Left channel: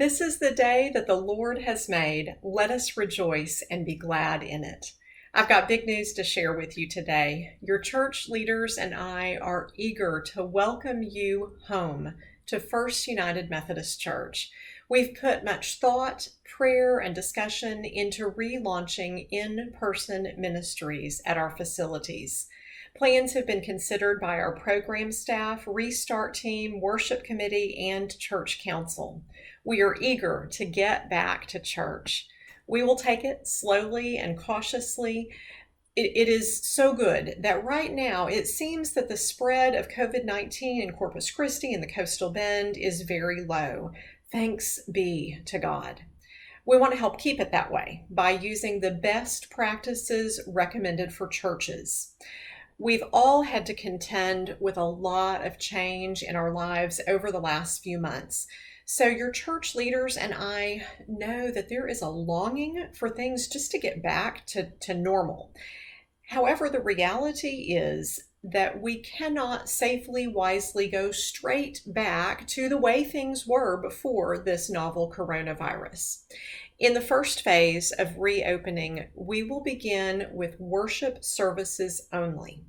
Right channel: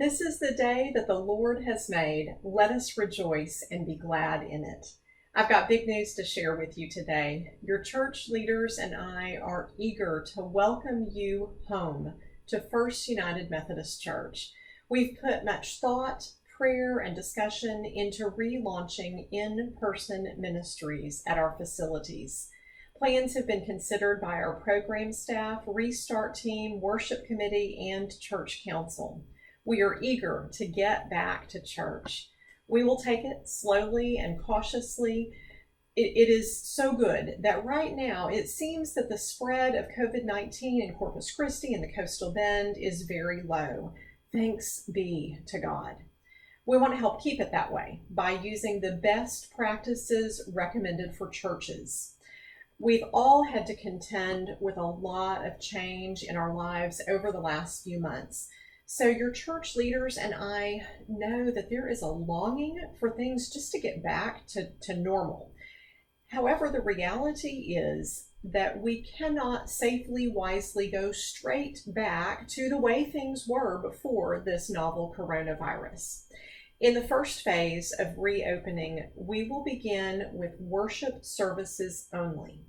This is the day that the Lord has made. Let us rejoice and be glad in it. I've got big news to share with you today. Your church leaders and I are eager to welcome you home to First United Methodist Church. We've put much thought, prayer, and discussion into relaunching in-person ministries at our facilities. Plans have been considered by our program staff, Restart team, worship committee, and church council. We are eager to get back to church. We will take it slowly and cautiously. It is so good that right now it seems that the spread of COVID-19 in Corpus Christi and the Coastal Bend is very low. Thanks be to God. We want to help keep it that way by using the best practices recommended for churches. We've all had to contend with a lot of change in our lives over the last few months. So your church leaders and I know that there is a longing for things just to get back to normal. However, the reality is that we cannot safely, wisely go straight back to the way things were before this novel coronavirus. In the first phase of reopening, we will begin with worship services only.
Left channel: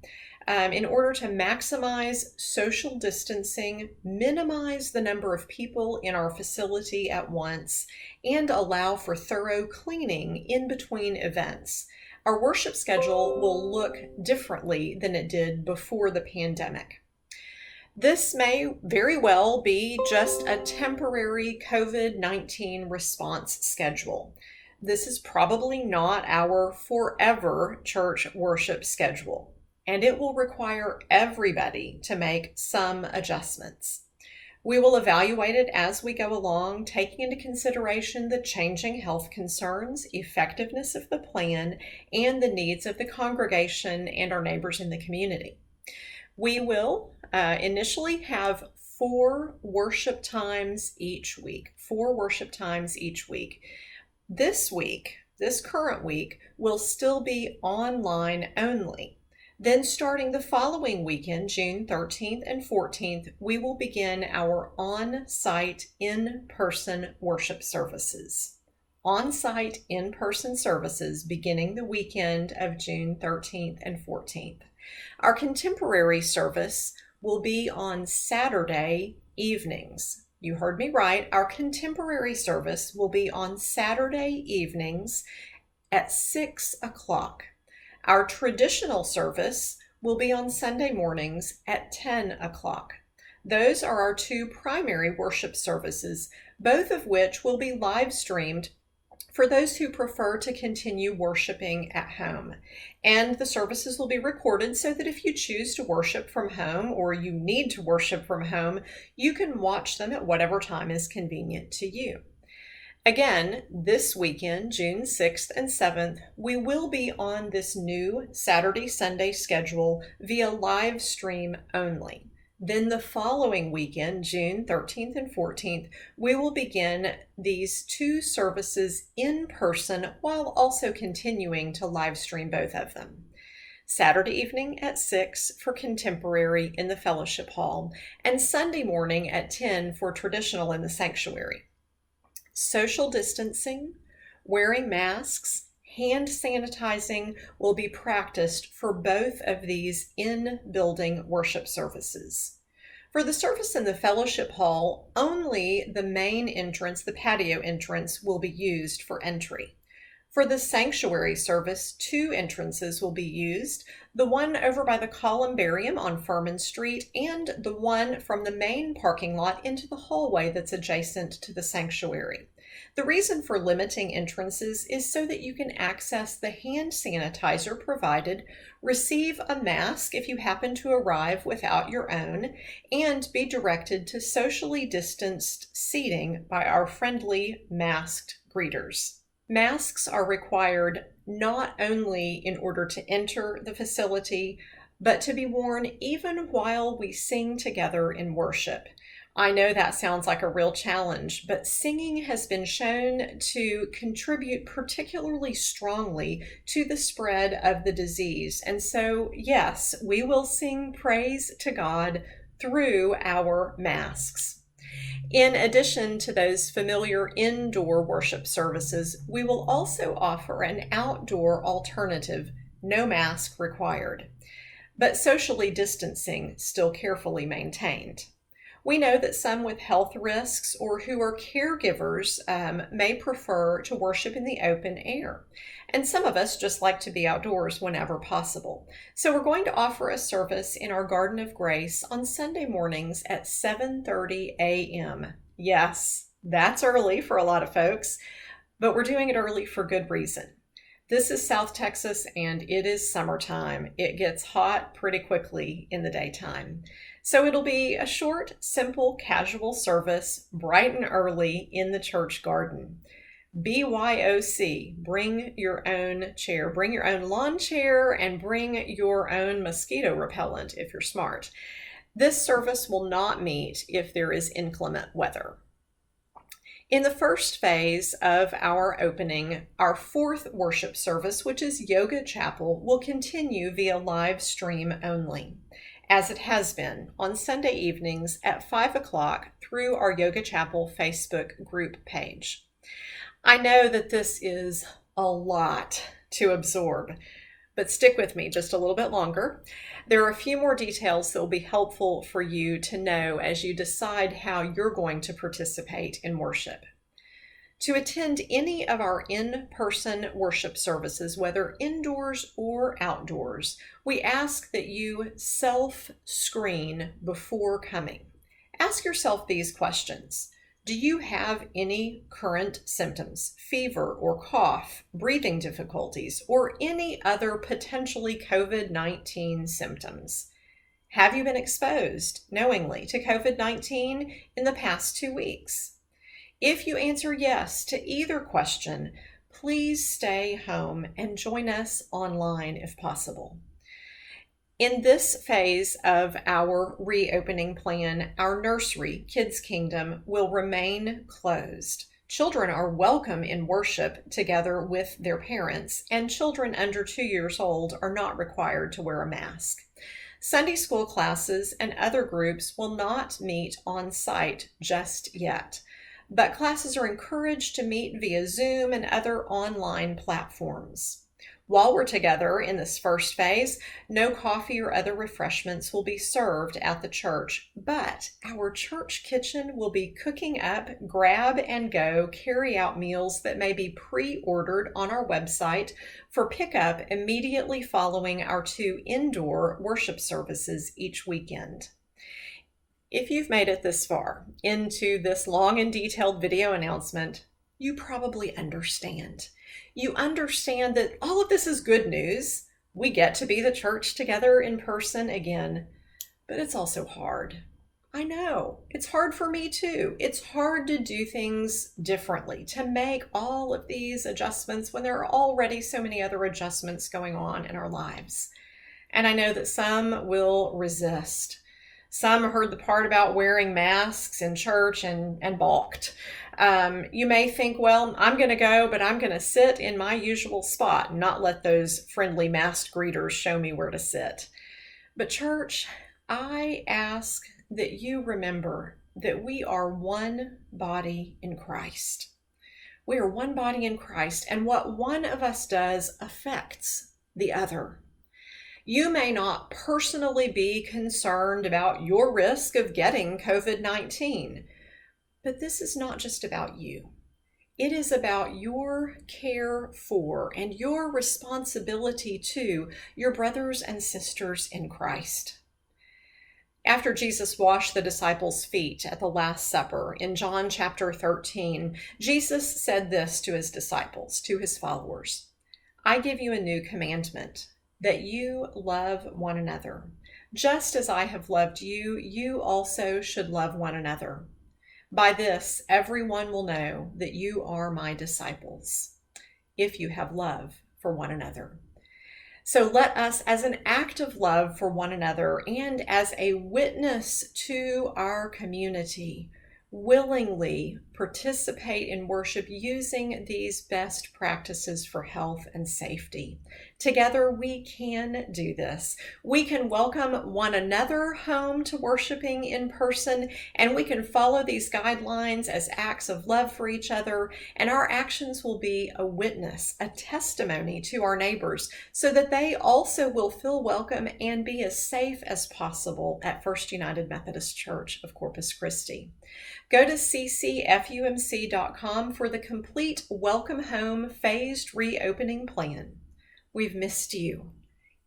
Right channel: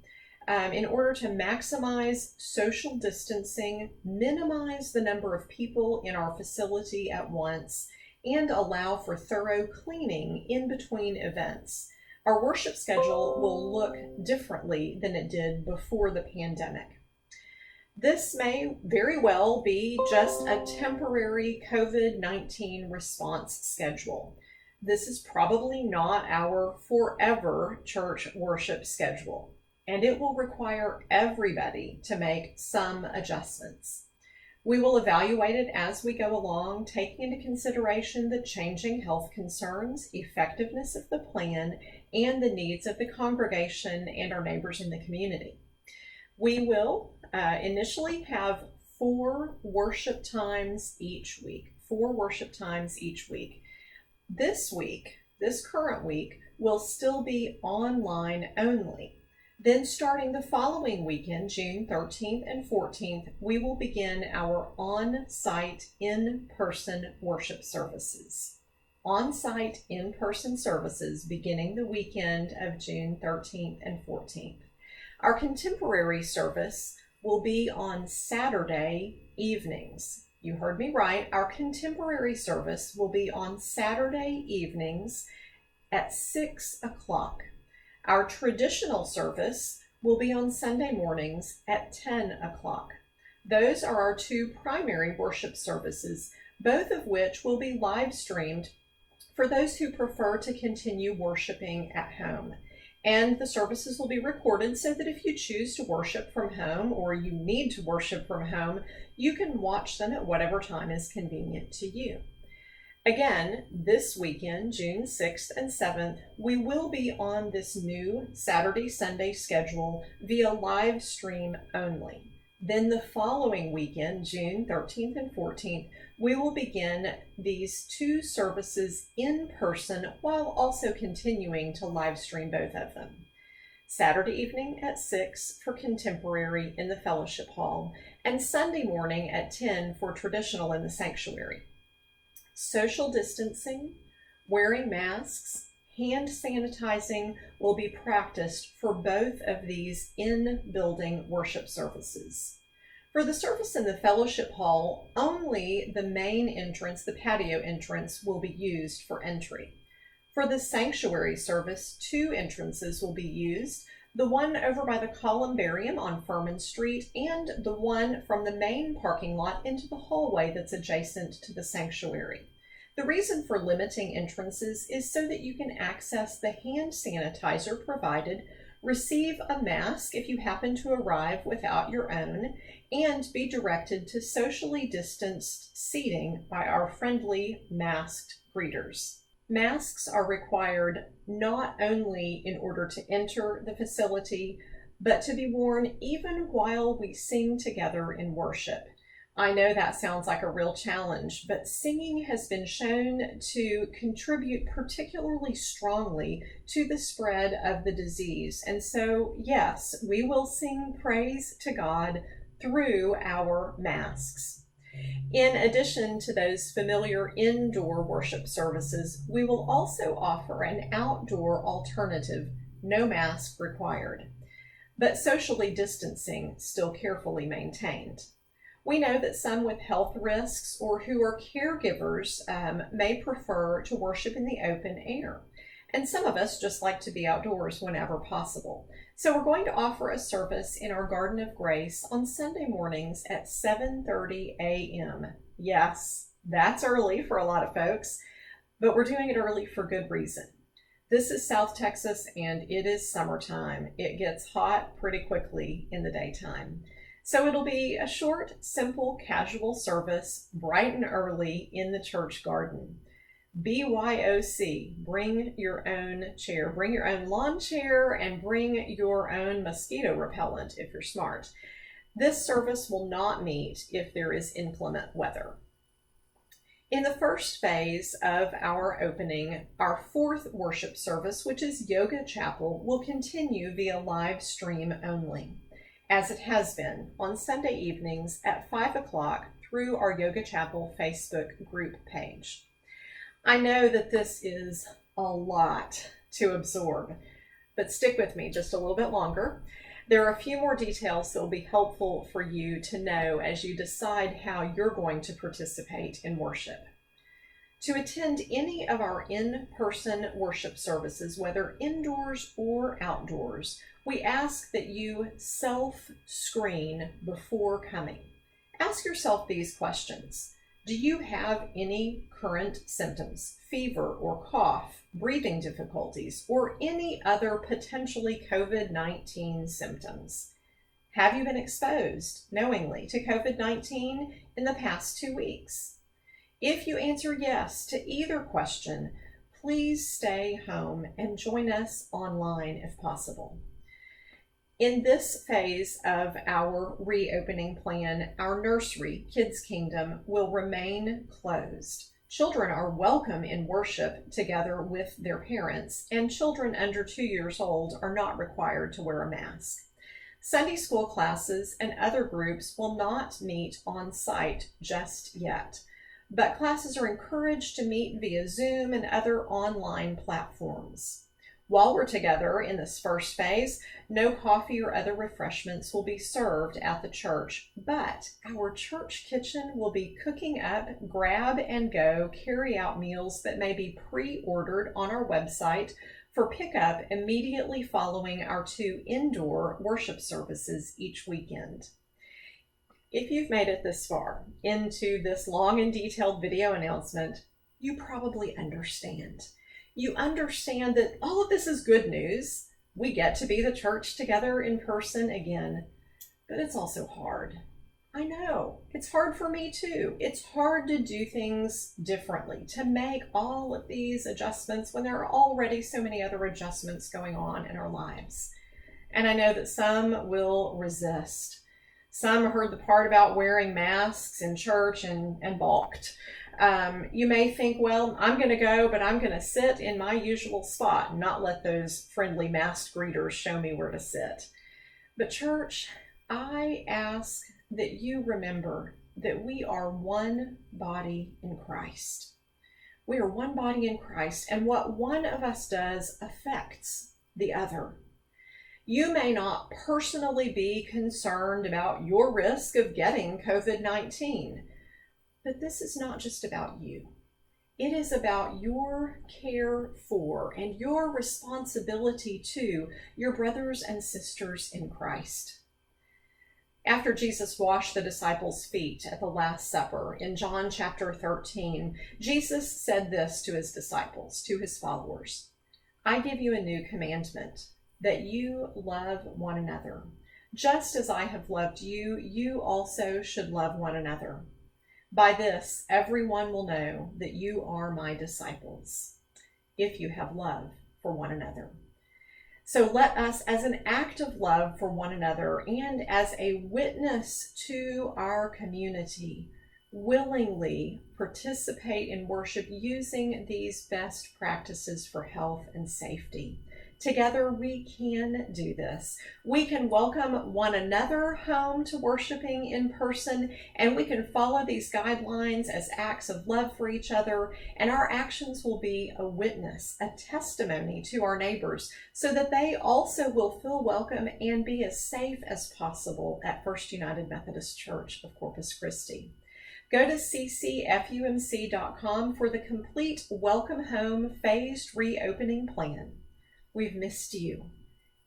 In order to maximize social distancing, minimize the number of people in our facility at once, and allow for thorough cleaning in between events. Our worship schedule will look differently than it did before the pandemic. This may very well be just a temporary COVID-19 response schedule. This is probably not our forever church worship schedule, and it will require everybody to make some adjustments. We will evaluate it as we go along, taking into consideration the changing health concerns, effectiveness of the plan, and the needs of the congregation and our neighbors in the community. We will initially have 4 worship times each week. This current week, will still be online only. Then starting the following weekend, June 13th and 14th, we will begin our on-site in-person worship services. On-site in-person services beginning the weekend of June 13th and 14th. Our contemporary service will be on Saturday evenings. You heard me right. Our contemporary service will be on Saturday evenings at 6 o'clock. Our traditional service will be on Sunday mornings at 10 o'clock. Those are our 2 primary worship services, both of which will be live streamed for those who prefer to continue worshiping at home. And the services will be recorded so that if you choose to worship from home or you need to worship from home, you can watch them at whatever time is convenient to you. Again, this weekend, June 6th and 7th, we will be on this new Saturday-Sunday schedule via live stream only. Then the following weekend, June 13th and 14th, we will begin these 2 services in person while also continuing to live stream both of them. Saturday evening at 6 for contemporary in the fellowship hall, and Sunday morning at 10 for traditional in the sanctuary. Social distancing, wearing masks, hand sanitizing will be practiced for both of these in-building worship services. For the service in the fellowship hall, only the main entrance, the patio entrance, will be used for entry. For the sanctuary service, 2 entrances will be used, the one over by the columbarium on Furman Street and the one from the main parking lot into the hallway that's adjacent to the sanctuary. The reason for limiting entrances is so that you can access the hand sanitizer provided, receive a mask if you happen to arrive without your own, and be directed to socially distanced seating by our friendly masked greeters. Masks are required not only in order to enter the facility, but to be worn even while we sing together in worship. I know that sounds like a real challenge, but singing has been shown to contribute particularly strongly to the spread of the disease. And so, yes, we will sing praise to God through our masks. In addition to those familiar indoor worship services, we will also offer an outdoor alternative, no mask required, but socially distancing still carefully maintained. We know that some with health risks or who are caregivers may prefer to worship in the open air. And some of us just like to be outdoors whenever possible. So we're going to offer a service in our Garden of Grace on Sunday mornings at 7:30 a.m. Yes, that's early for a lot of folks, but we're doing it early for good reason. This is South Texas and it is summertime. It gets hot pretty quickly in the daytime. So it'll be a short, simple, casual service, bright and early in the church garden. BYOC, bring your own chair, bring your own lawn chair, and bring your own mosquito repellent if you're smart. This service will not meet if there is inclement weather. In the first phase of our opening, our fourth worship service, which is Yoga Chapel, will continue via live stream only, as it has been on Sunday evenings at 5 o'clock through our Yoga Chapel Facebook group page. I know that this is a lot to absorb, but stick with me just a little bit longer. There are a few more details that will be helpful for you to know as you decide how you're going to participate in worship. To attend any of our in-person worship services, whether indoors or outdoors, we ask that you self-screen before coming. Ask yourself these questions. Do you have any current symptoms, fever or cough, breathing difficulties, or any other potentially COVID-19 symptoms? Have you been exposed knowingly to COVID-19 in the past 2 weeks? If you answer yes to either question, please stay home and join us online if possible. In this phase of our reopening plan, our nursery, Kids Kingdom, will remain closed. Children are welcome in worship together with their parents, and children under 2 years old are not required to wear a mask. Sunday school classes and other groups will not meet on site just yet, but classes are encouraged to meet via Zoom and other online platforms. While we're together in this first phase, no coffee or other refreshments will be served at the church, but our church kitchen will be cooking up grab and go carry-out meals that may be pre-ordered on our website for pickup immediately following our 2 indoor worship services each weekend. If you've made it this far into this long and detailed video announcement, you probably understand. You understand that all of this is good news. We get to be the church together in person again, but it's also hard. I know, it's hard for me too. It's hard to do things differently, to make all of these adjustments when there are already so many other adjustments going on in our lives. And I know that some will resist. Some heard the part about wearing masks in church and balked. You may think, well, I'm going to go, but I'm going to sit in my usual spot and not let those friendly masked greeters show me where to sit. But church, I ask that you remember that we are one body in Christ. We are one body in Christ, and what one of us does affects the other. You may not personally be concerned about your risk of getting COVID-19, but this is not just about you. It is about your care for and your responsibility to your brothers and sisters in Christ. After Jesus washed the disciples' feet at the Last Supper in John chapter 13, Jesus said this to his disciples, to his followers, "I give you a new commandment, that you love one another. Just as I have loved you, you also should love one another. By this, everyone will know that you are my disciples, if you have love for one another." So let us, as an act of love for one another and as a witness to our community, willingly participate in worship using these best practices for health and safety. Together, we can do this. We can welcome one another home to worshiping in person, and we can follow these guidelines as acts of love for each other, and our actions will be a witness, a testimony to our neighbors, so that they also will feel welcome and be as safe as possible at First United Methodist Church of Corpus Christi. Go to ccfumc.com for the complete Welcome Home phased reopening plan. We've missed you.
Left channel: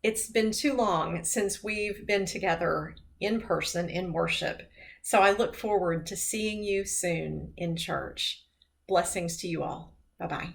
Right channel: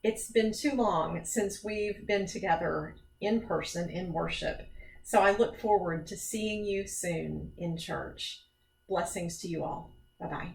It's been too long since we've been together in person in worship, so I look forward to seeing you soon in church. Blessings to you all. Bye-bye.